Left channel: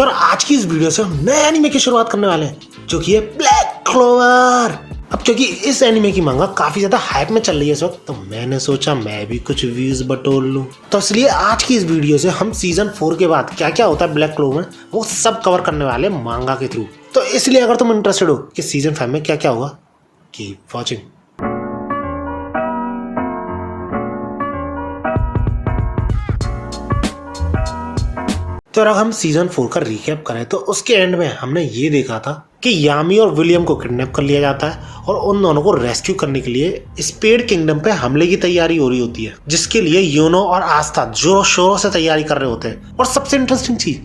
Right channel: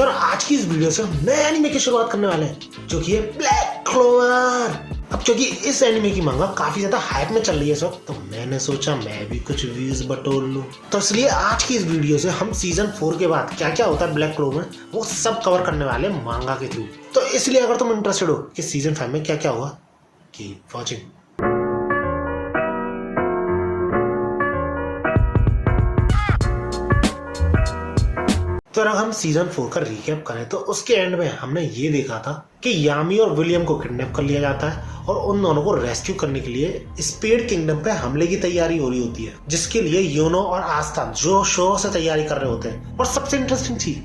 तो आज की इस वीडियो से हम नए एनिमे की शुरुआत करने वाले हैं जो कि है ब्लैक क्लोवर। अब क्योंकि इस एनिमे की मांगा काफी ज्यादा हाइप में चल रही है इस वक्त, तो मैंने सोचा मैं भी कुछ व्यूज बटोर लूं। तो इसलिए आज की इस वीडियो से हम सीजन 4 के बाद क्या क्या होता है ब्लैक क्लोवर में वो सब कवर करने वाले मांगा के थ्रू। तो इसलिए अगर तुम इंटरेस्टेड हो कि सीजन 5 में क्या क्या होगा, कीप वॉचिंग। तो अगर हम सीजन 4 का रिकैप करें तो उसके एंड में हमने ये देखा था कि यामी और विलियम को किडनैप कर लिया जाता है और उन दोनों को रेस्क्यू करने के लिए स्पेड किंगडम पे हमले की तैयारी हो रही होती है, जिसके लिए योनो और आस्था जोरों शोरों से तैयारी कर रहे होते हैं। और सबसे इंटरेस्टिंग चीज,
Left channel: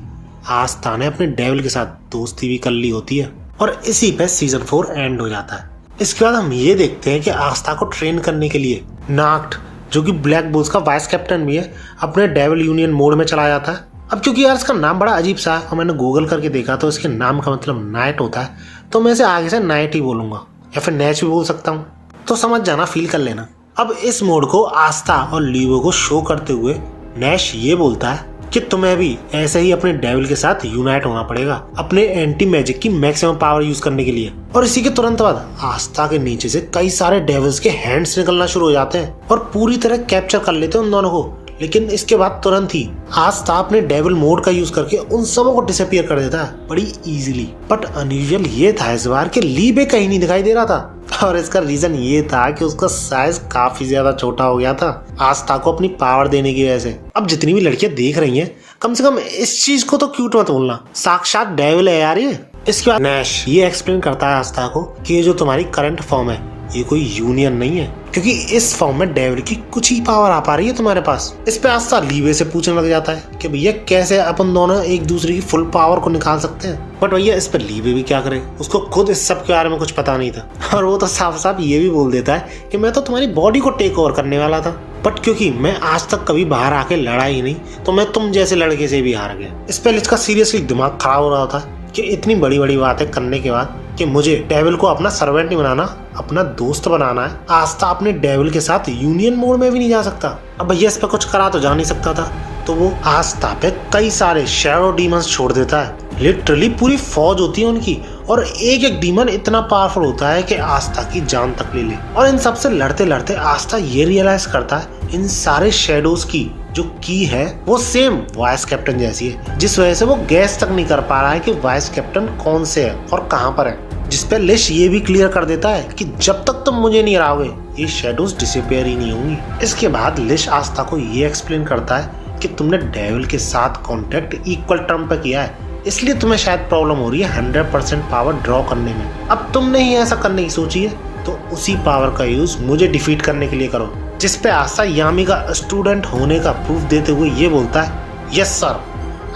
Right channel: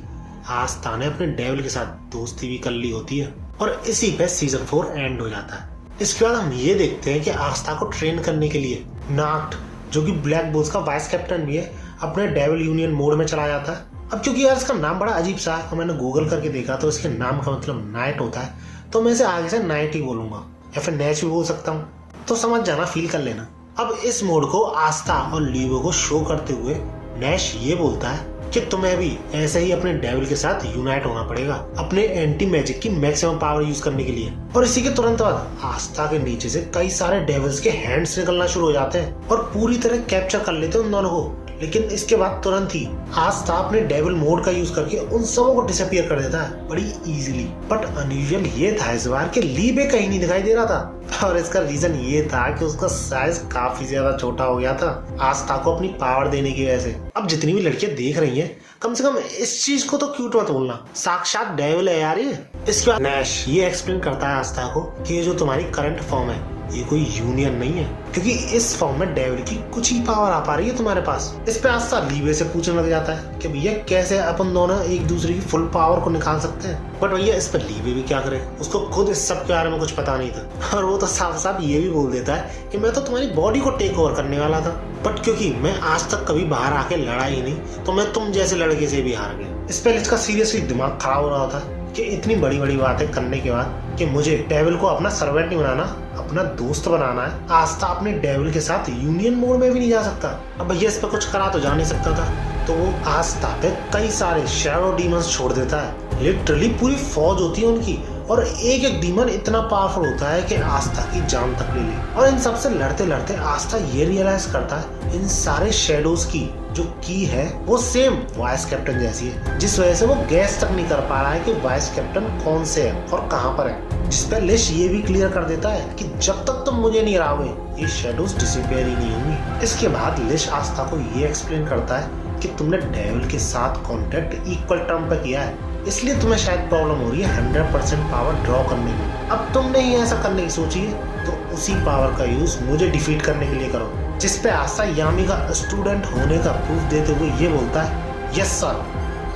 आस्था ने अपने डेविल के साथ दोस्ती भी कर ली होती है और इसी पे सीजन 4 एंड हो जाता है। इसके बाद हम ये देखते हैं कि आस्था को ट्रेन करने के लिए नाक्ट, जो कि ब्लैक बुल्स का वाइस कैप्टन भी है, अपने डेविल यूनियन मोड में चला जाता है। अब क्योंकि यार इसका नाम बड़ा अजीब सा है और मैंने गूगल करके देखा तो इसके नाम का मतलब नाइट होता है, तो मैं इसे आगे से नाइट ही बोलूंगा या फिर नैच भी बोल सकता हूँ, तो समझ जाना, फील कर लेना। अब इस मोड को आस्था और लीवो को शो करते हुए नैश ये बोलता है कि तुम्हें भी ऐसे ही अपने डेविल के साथ यूनाइट होना पड़ेगा अपने एंटी मैजिक की मैक्सिमम पावर यूज करने के लिए। और इसी के तुरंत बाद आस्था के नीचे से कई सारे डेविल्स के हैंड्स निकलना शुरू हो जाते हैं और पूरी तरह कैप्चर कर लेते हैं उन दोनों को। लेकिन इसके बाद तुरंत ही आस्था अपने डेविल मोड का यूज करके उन सबों को डिसअपीयर कर देता है बड़ी इजीली। बट अनयूजुअल ये था इस बार कि लीबे कहीं नहीं दिखाई दे रहा था और इसका रीजन ये था कि उसका साइज काफी ज्यादा छोटा हो गया था आस्था को अपनी पावर देने की वजह से। अब जितनी भी लड़कियां देख रही हैं, कम से कम इस चीज को तो क्यूट मत बोलना, साक्षात डेविल है यार ये। इसके बाद नैश ये एक्सप्लेन करता है आस्था को कि ये जो तुम्हारी करंट फॉर्म है ये कोई यूनियन नहीं है, क्योंकि इस फॉर्म में डेविल की कुछ ही पावर आ पा रही है तुम्हारे पास। इस पे आस्था लीवे से पूछने लग जाता है कि भैया कैसे अपन दोनों एक दूसरे की फुल पावर को निकाल सकते हैं। बट भैया इस पे लीवे भी क्या करे, उसको खुद इस सब के बारे में कुछ पता नहीं था और वो तो साफ साफ ये भी बोल देता है कि मैं तो तुम्हारी बॉडी को टेक ओवर करने वाला था, बट क्योंकि मैं आज तक कभी बाहर आके लड़ा ही नहीं तो मैं तुम जैसे लड़के से भी हार गया। इस पे लिच का सीरियसली दिमाग खराब हो रहा था कि इतनी बड़ी बड़ी बातें करने के बाद कि मुझे डेविल को अपना सर्वेंट नहीं बनाना, अपना दोस्त बनाना है। आस्था अपने डेविल के साथ यूनियन मोड में भी नहीं जा सकता। अब भैया इस पे कुछ करा तो जा नहीं सकता था, तो वो आस्था पे कई सारे शैडो डीमंस छोड़ देता है। लिटरली पूरी फौज होती है उनकी और एक एक डीमन इतना पावरफुल होता है कि आस्था की जान तक ले ले। और इन सबसे लड़ते लड़ते आस्था ये रियलाइज करता है इन सारे शैडोज की जो की है वो सेम वाइस कैप्टन जैसी है, जिस वजह से वो गैस तक नहीं कर पा रहा है कि वाइस कैप्टन कौन से है और कहां पर है। जिसपे लिश ये भी क्लियर कर देता है कि जब तक तुम मुझे नहीं हराओगे ये शैडोज डिसअपीयर ही नहीं होंगी। इसके बाद लिश आस्था को ये एक्सप्लेन करता है कि तुमने डेविल के साथ कॉन्टेक्ट इक्वल टर्म पे किया है, इसलिए तुम्हें शायद प्रॉब्लम हो रही है 100% पावर ड्रॉ करने में। अब तुमने ही ऐसा करने की सोची है तो उसी पावर का यूज मुझे डिफीट करने के लिए करो। जिस पे आस्था यामी का स्टूडेंट होने का प्रूफ देते हुए ये बोलता है, yes sir,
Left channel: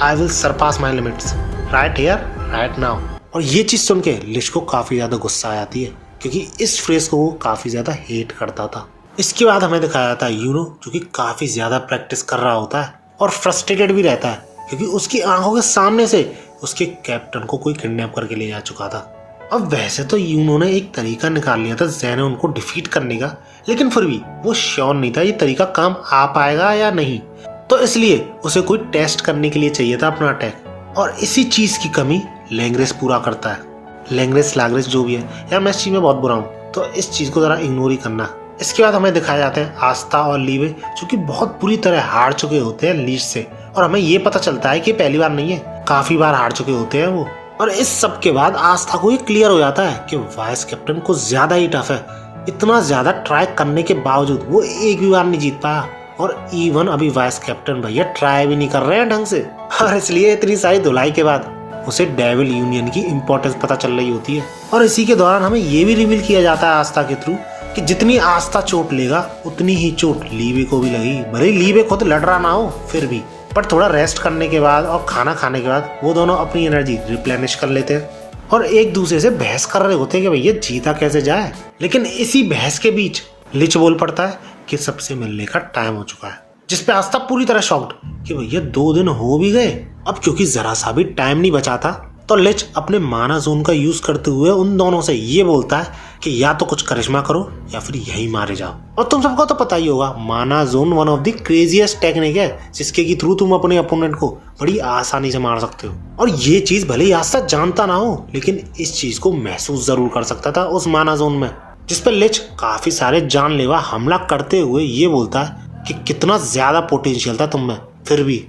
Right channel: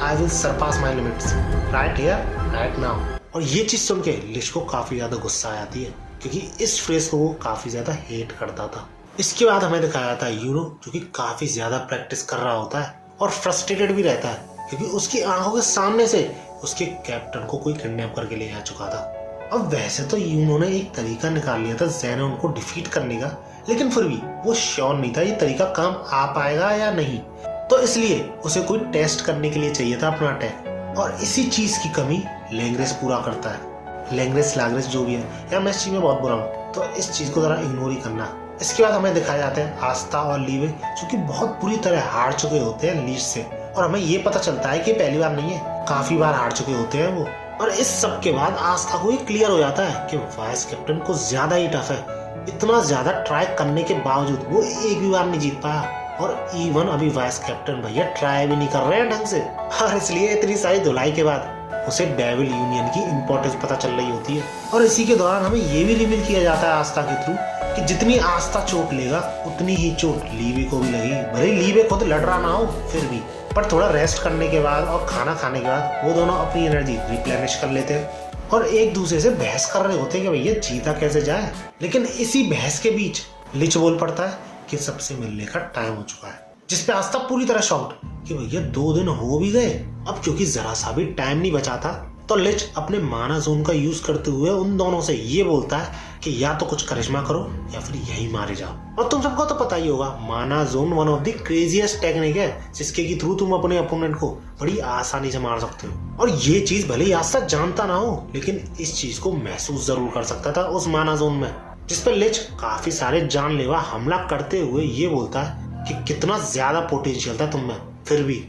I will Sarpass my limits right here right now. और ये चीज सुन के लिश को काफी ज्यादा गुस्सा आ जाती है क्योंकि इस फ्रेज को वो काफी ज्यादा हेट करता था। इसके बाद हमें दिखाया जाता है यूनो, जो कि काफी ज्यादा प्रैक्टिस कर रहा होता है और फ्रस्ट्रेटेड भी रहता है क्योंकि उसकी आंखों के सामने से उसके कैप्टन को कोई किडनैप करके ले जा चुका था। अब वैसे तो यूनो ने एक तरीका निकाल लिया था ज़ेनोन को डिफीट करने का, लेकिन फिर भी वो श्योर नहीं था ये तरीका काम आ पाएगा या नहीं, तो इसलिए उसे कोई टेस्ट करने के लिए चाहिए था अपना अटैक। और इसी चीज की कमी लैंग्रेस पूरा करता है। लैंग्रेस लाग्रेस जो भी है यार, मैं इस चीज में बहुत बुरा हूँ, तो इस चीज को जरा इग्नोर ही करना। इसके बाद हमें दिखाया जाता है आस्था और लीवे जो कि बहुत बुरी तरह हार चुके होते हैं लीच से, और हमें ये पता चलता है कि पहली बार नहीं है, काफी बार हार चुके होते हैं वो। और इस सब के बाद आस्था को ये क्लियर हो जाता है कि वाइस कैप्टन को ज्यादा ही टफ है। इतना ज्यादा ट्राई करने के बावजूद वो एक भी बार नहीं जीत पाया, और इवन अभी वाइस कैप्टन भैया ट्राई भी नहीं कर रहे हैं ढंग से। और इसलिए इतनी सारी धुलाई के बाद उसे डेविल यूनियन की इंपॉर्टेंस पता चल रही होती है। और इसी के दौरान हमें ये भी रिवील किया जाता है आस्था के थ्रू कि जितनी आस्था चोट लेगा उतनी ही चोट लीवे को भी लगेगी। भले ही लीवे खुद लड़ रहा ना हो फिर भी, पर थोड़ा रेस्ट करने के बाद और खाना खाने के बाद वो दोनों अपनी एनर्जी रिप्लेनिश कर लेते हैं और एक दूसरे से बहस कर रहे होते हैं कि भैया जीता कैसे जाए। लेकिन इसी बहस के बीच लिच बोल पड़ता है कि सबसे मिलने का टाइम हो चुका है, जिसपे आस्था पूरी तरह शॉक्ड कि भैया 2 दिन हो भी गए। अब क्योंकि जरा सा भी टाइम नहीं बचा था तो लिच अपने माना जोन का यूज करते हुए उन दोनों से ये बोलता है कि या तो कुछ करिश्मा करो या फिर यही मारे जाओ। और तुम सबको तो पता ही होगा माना zone one of the craziest technique है जिसके की थ्रू तुम अपने अपोनेंट को बड़ी आसानी से मार सकते हो। और ये चीज भले ही आज तक जानता ना हो लेकिन इस चीज को महसूस जरूर कर सकता था उस माना जोन में, जिस पर लिच काफी सारे जानलेवा हमला करते हुए ये बोलता है कि कितना ज्यादा पोटेंशियल था तुम में, फिर भी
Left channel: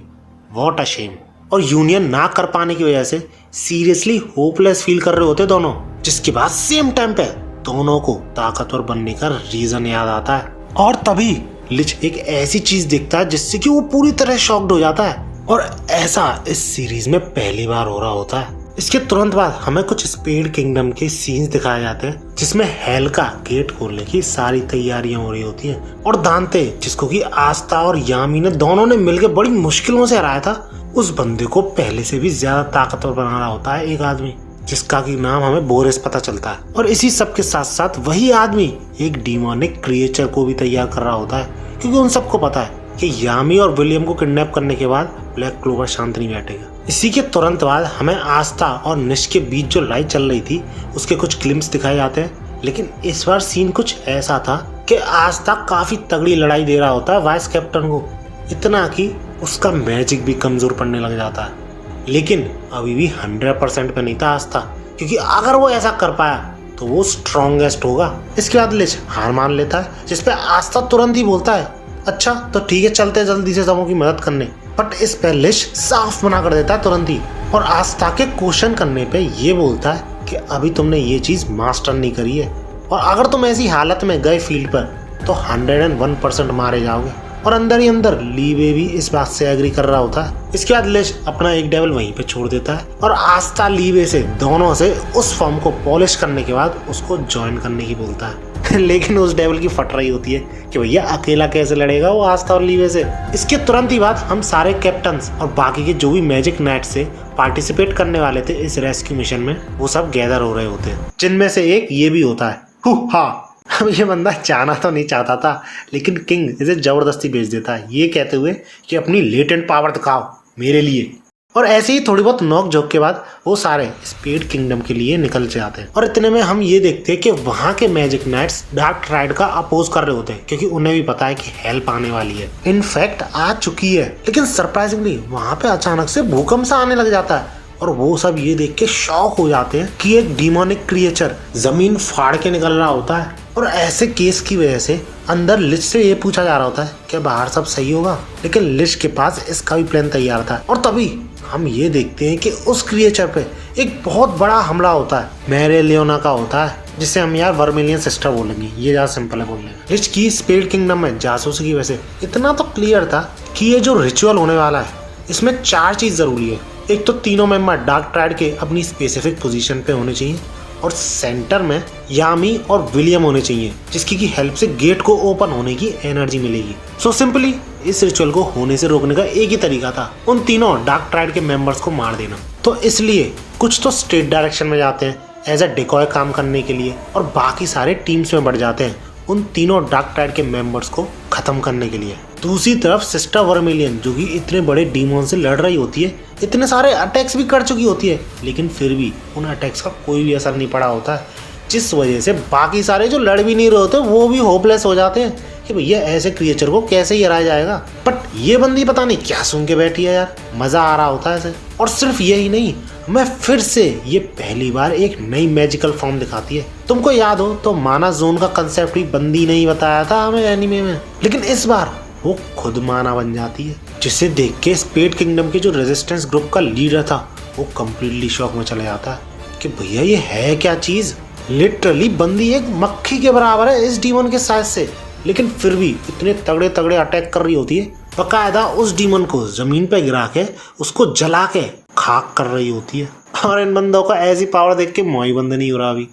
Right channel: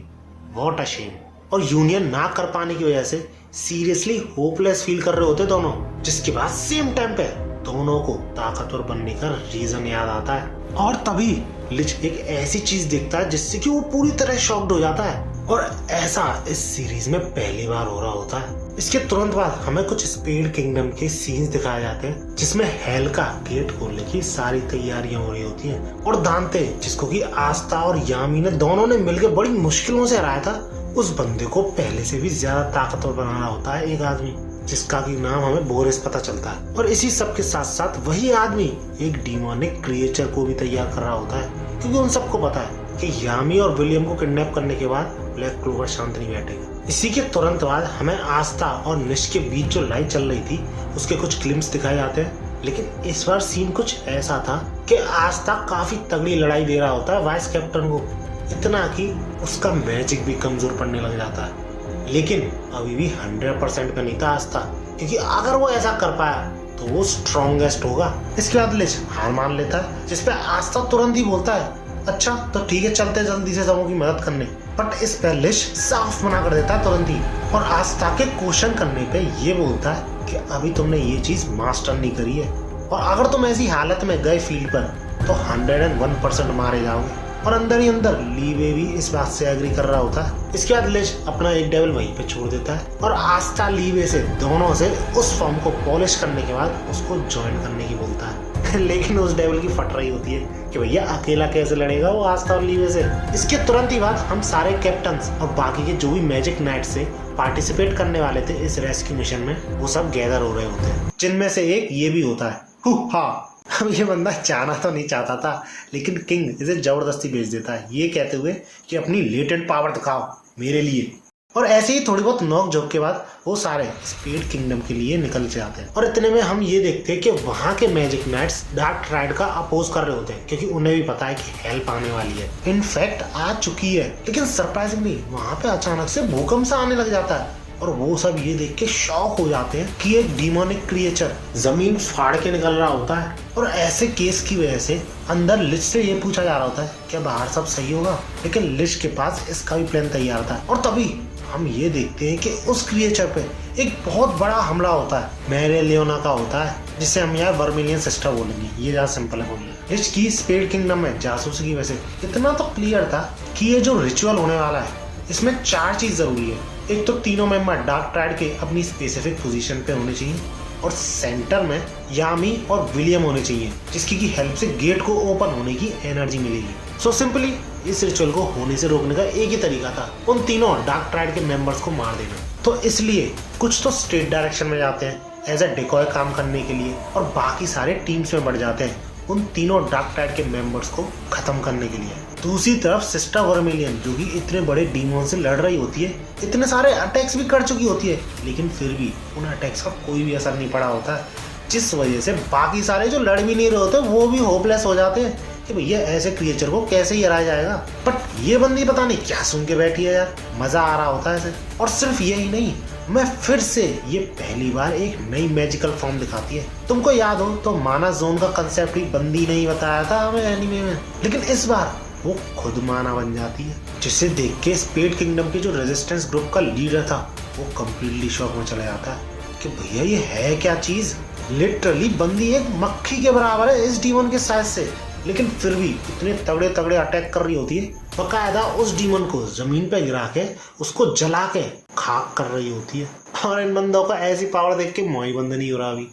व्हाट अ शेम। और यूनियन ना कर पाने की वजह से सीरियसली होपलेस फील कर रहे होते दोनों, जिसके बाद सेम टाइम पे दोनों को ताकतवर बनने का रीजन याद आता है। और तभी लिच एक ऐसी चीज देखता है जिससे कि वो पूरी तरह शॉक्ड हो जाता है, और ऐसा इस सीरीज में पहली बार हो रहा होता है। इसके तुरंत बाद हमें कुछ स्पेड किंगडम के सीन्स दिखाए जाते हैं जिसमें हेल का गेट खोलने की सारी तैयारियां हो रही होती हैं, और दांते जिसको कि आस्था और यामी ने दोनों ने मिलकर बड़ी मुश्किलों से हराया था, उस बंदे को पहले से भी ज्यादा ताकतवर बना रहा होता है एक आदमी जिसका की नाम हमें बोरिस पता चलता है। और इसी सब के साथ साथ वही आदमी एक डीमोनिक क्रिएचर को भी तैयार कर रहा होता है, क्योंकि उन सबको पता है कि यामी और विलियम को किडनैप करने के बाद ब्लैक क्लोवर शांत नहीं बैठेगा। इसी के तुरंत बाद हमें आस्था और निश के बीच जो लड़ाई चल रही थी उसके कुछ क्लिप्स दिखाए जाते हैं, लेकिन इस बार सीन कुछ ऐसा था कि आस्था काफी तगड़ी लड़ाई दे रहा होता है वाइस कैप्टन को, इतना कि उसका मैजिक भी कमजोर पड़ने लग जाता है। लेकिन अभी भी 100% पे नहीं था आस्था, क्योंकि अगर वो ऐसा कर पाया तो वो स्ट्रॉन्गेस्ट होगा। इसके बाद लिच हार मान लेता है, जिसपे आस्था तुरंत ही बोलता है अच्छा तो ठीक है चलते जल्दी से सबों की मदद करने। बट इस पे लिच साफ मना कर देता है तुरंत ही, और आस्था के क्वेश्चन करने पे ये बोलता है कि अभी तुमने ये चीज मास्टर नहीं करी है, और अगर तुम ऐसी हालत में गए फील्ड पर तो 101% मारे जाओगे। और अंदर ही अंदर लीवे भी इस बात से एग्री कर रहा होता है। इसके बाद लिच अपना एक डेवल वहीं पे छोड़ देता है, और आस्था लीवे से दोनों से उस फॉर्म को पॉलिश करने के बाद उसको ज्वाइन करने की बोलता है लेकिन उस डेवल की फट रही होती है कि भैया अकेला कैसे लड़ेगा वो आस्था और लीवे से। इसके तुरंत ही बाद हम सारे कैप्टन्स और बाकी के जो भी मैजिक नाइट से पार्टिसिपेट करने वाले थे इस रेस्क्यू मिशन में, वो सब गैदर हो रहे होते हैं, जिनमें से एक ये भी होता है। हाँ, अब ये बंदा चाहना तो नहीं चाहता था, लेकिन किंग इसे जबरदस्ती भेज देता है ये कहते हुए कि अपनी लेटेंट पावर दिखाओ मेरे लिए। और ऐसे ही थोड़ी बहुत नोक झोंक के बाद वो सारे स्पेड किंगडम के लिए निकल जाते हैं। और इतने में हम ये देखते हैं कि वहाँ के मैजिक नाइट्स डार्क ट्राइड का अपोज कर रहे होते हैं, क्योंकि उन्हें भी पता है कि हेल्प आने वाली है, इनफैक्ट आ चुकी है। लेकिन सरप्राइजिंगली वहाँ पे अचानक से भूकंप सा आने लग जाता है, और वो सब ये देख के शॉक हो जाते हैं कि एक डीमोनिक क्रिएचर जमीन फाड़ के निकल रहा होता है। और ऐसे केस की वजह से अंदर लिच से ये पूछा जा रहा होता है कि बाहर सब सही होगा, लेकिन लिच के पास इसका भी प्लान तैयार था। और तभी हम ये देखते हैं कि उस क्रिएचर पे एक बहुत बड़ा हमला होता है, मेरेलियोना का होता है, जिसे हम यार वर्मिलियन सिस्टर बोलेंगे, ये ज्यादा सिंपल है बोलने। लिच की स्पेड किंगडम में जासूसी की वजह से इतना तो क्लियर था कि ये जो रिचुअल होने वाला है इसमें 4 चीज जरूरी है। एक तो तीनों मेंबर डार्क ट्राइड के अपनी स्पेसिफिक पोजीशन पे होने चाहिए, और सेंटर में यामी और विलियम होने चाहिए जिसकी की हेल्प से गेट को ओपन होने की एनर्जी मिलेगी। सो सिंपली इस रिचुअल को होने से रोकने का एक ही तरीका था, उन तीनों डार्क ट्राइड के मेंबर्स को मार देना। तो इसलिए कुछ तो स्ट्रेट डायरेक्शन में जाते हैं एज अ डिकॉय काम करने के लिए, और बाकी सारे टीम्स में बढ़ जाते हैं उन तीनों डार्क ट्राइड के मेंबर्स को खत्म करने के लिए। दूसरी तरफ सिस्टर वर्मिलियन जो कि इतने बड़े डीमोन से लड़ रही होती है, इतने सारे अटैक्स भी कर चुकी होती है, लेकिन फिर भी उन अटैक्स का कोई भी असर नहीं पड़ा होता है, जिस वजह से बाकी सारे जो लड़ भी नहीं रहे होते वो भी होपलेस हो जाते हैं कि भैया ऐसे क्रिएचर को कैसे ही हराया जाएगा। बट ये बंदी पता नहीं क्या सुन के बैठी है यार, मजा आ रहा होता है इसे। और सिर्फ यही नहीं, मैं फिर से ये पहली बार एक नई मैजिकल फॉर्म दिखाती है। तुमको याद हो तो माना जोन का कंसेप्ट भी बंदी नहीं बताया था हमें एनीमे में, लेकिन इस बार वो खुद माना बन जाती है, जिसे देख के स्पेड किंगडम के जो रेजिस्टेंस ग्रुप का लीडर था वो कम्प्लीटली शॉक में चला जाता है कि भैया ये है क्या चीज। लिटरली बंदी एक मक्खी के बराबर है इस डीमन के साइज से, लेकिन फिर भी इतने तगड़े तगड़े अटैक कर रही होती है, बकायदा उस डीमन को जमीन पे गिरा के उसको जला के खाक कर रही होती है। और इन बंदों का ऐसी पावर देख के मोई बंद नहीं हो रहा अभी।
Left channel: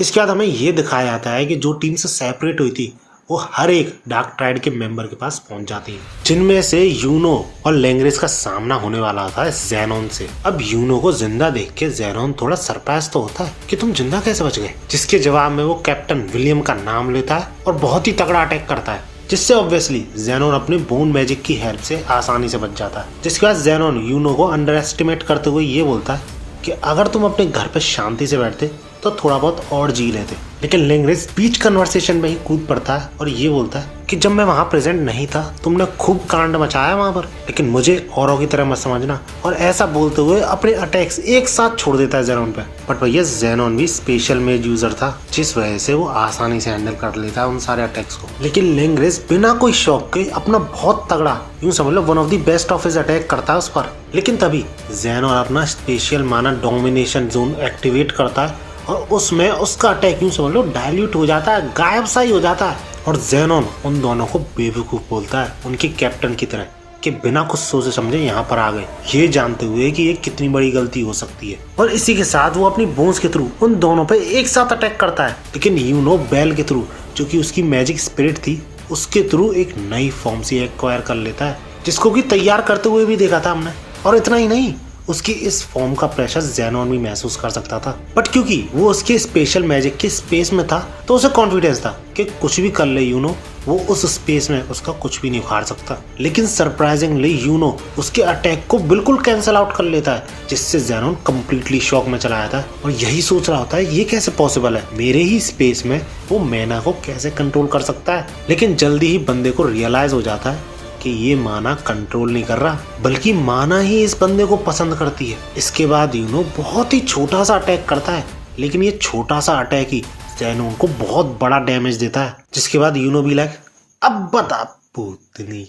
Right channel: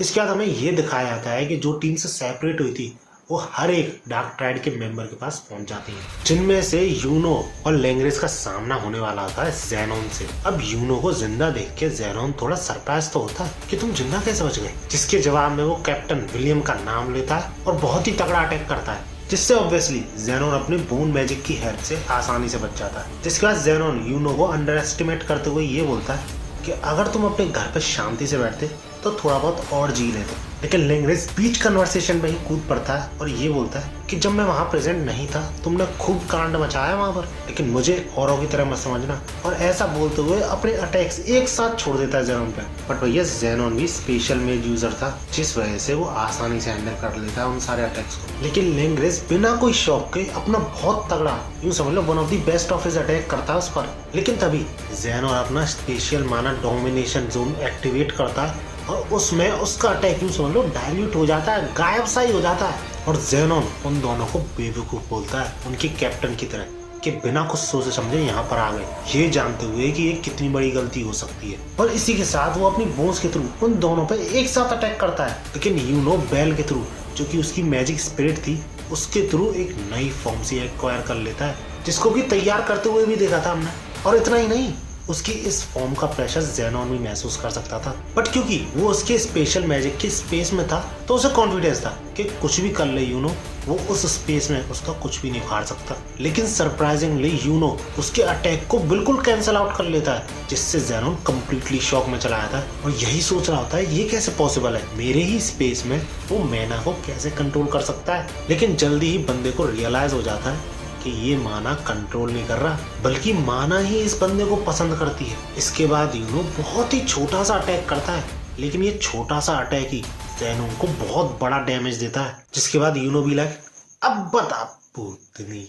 इसके बाद हमें ये दिखाया जाता है कि जो टीम से सेपरेट हुई थी वो हर एक डार्क ट्राइड के मेंबर के पास पहुंच जाती है, जिनमें से यूनो और लैंग्रेज का सामना होने वाला होता है ज़ेनोन से। अब यूनो को जिंदा देख के ज़ेनोन थोड़ा सरप्राइज तो होता है कि तुम जिंदा कैसे बच गए, जिसके जवाब में वो कैप्टन विलियम का नाम लेता है और बहुत ही तगड़ा अटैक करता है। जिससे ऑब्वियसली जेनोन अपनी बोन मैजिक की हेल्प से आसानी से बच जाता है। जिसके बाद जेनोन यूनो को अंडर एस्टिमेट करते हुए ये बोलता है कि अगर तुम अपने घर पे शांति से बैठते तो थोड़ा बहुत और जी लेते। लेकिन लिंगरिस बीच कन्वर्सेशन में ही कूद पड़ता है और ये बोलता है कि जब मैं वहां प्रेजेंट नहीं था तुमने खूब कांड मचाया वहां पर, लेकिन मुझे औरों की तरह मत समझना। और ऐसा बोलते हुए अपने अटैक्स एक साथ छोड़ देता है जेनोन पे। बट भैया जेनोन भी स्पेशल मेज यूजर था, जिस वजह से वो आसानी से हैंडल कर लेता है उन सारे अटैक्स को। लेकिन लिंगरिस बिना कोई शौक के अपना बहुत तगड़ा, यूं समझ लो one of the best of his attack करता है उस पर। लेकिन तभी जेनोन अपना स्पेशल माना डोमिनेशन जोन एक्टिवेट करता है और उसमें उसका अटैक यूं समझ लो डायल्यूट हो जाता है, गायब सा ही हो जाता है। और जेनोन उन दोनों को बेवकूफ बोलता है उनकी कैप्टन की तरह कि बिना कुछ सोचे समझे यहाँ पर आ गए, ये जानते हुए कि ये कितनी बड़ी गलती हो सकती है। और इसी के साथ वो अपनी बोन्स के थ्रू उन दोनों पे एक साथ अटैक करता है। लेकिन यूनो बेल के थ्रू, जो कि उसकी मैजिक स्पिरिट थी, उसके थ्रू एक नई फॉर्म से एक्वायर कर लेता है, जिसको कि तैयार करते हुए भी देखा था हमने। और इतना ही नहीं, उसकी इस फॉर्म का प्रेशर जेनोन भी महसूस कर सकता था। बट क्योंकि वो उसके स्पेशल मैजिक के स्पेस में था तो उसे कॉन्फिडेंस था कि कुछ भी कर ले यूनो, वो उस स्पेस में उसका कुछ भी नहीं उखाड़ सकता। लेकिन सरप्राइजिंगली यूनो उसके अटैक को बिल्कुल कैंसिल आउट कर लेता है, जिससे जेनोन कंप्लीटली शॉक में चला जाता है और यही सोच रहा होता है ये कैसे पॉसिबल है, मेरे ही स्पेस में वो मैना को कैसे कंट्रोल कर सकता है। लेकिन जल्दी ही बंदे को रियलाइज हो जाता है कि ये माना कंट्रोल नहीं कर रहा, बल्कि माना ही इस बंदे को पसंद करती है। इसके बाद यूनो बहुत ही छोटा सा अटैक करता है, लेकिन ये छोटा सा अटैक ही जेनोन को बहुत बड़ा डैमेज देता है। जिसके बाद यूनो भी लाइक अब बता पूतनी।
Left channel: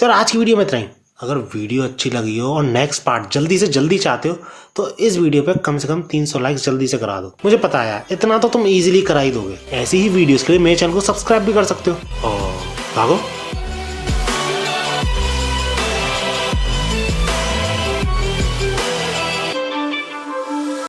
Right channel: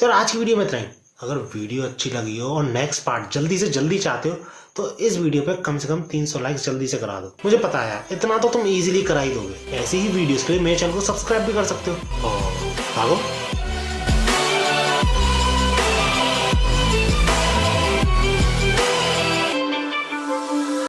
तो आज की वीडियो में इतना ही। अगर वीडियो अच्छी लगी हो और नेक्स्ट पार्ट जल्दी से जल्दी चाहते हो तो इस वीडियो पे कम से कम 300 लाइक्स जल्दी से करा दो। मुझे पता है इतना तो तुम इजीली करा ही दोगे। ऐसी ही वीडियोस के लिए मेरे चैनल को सब्सक्राइब भी कर सकते हो। और भागो।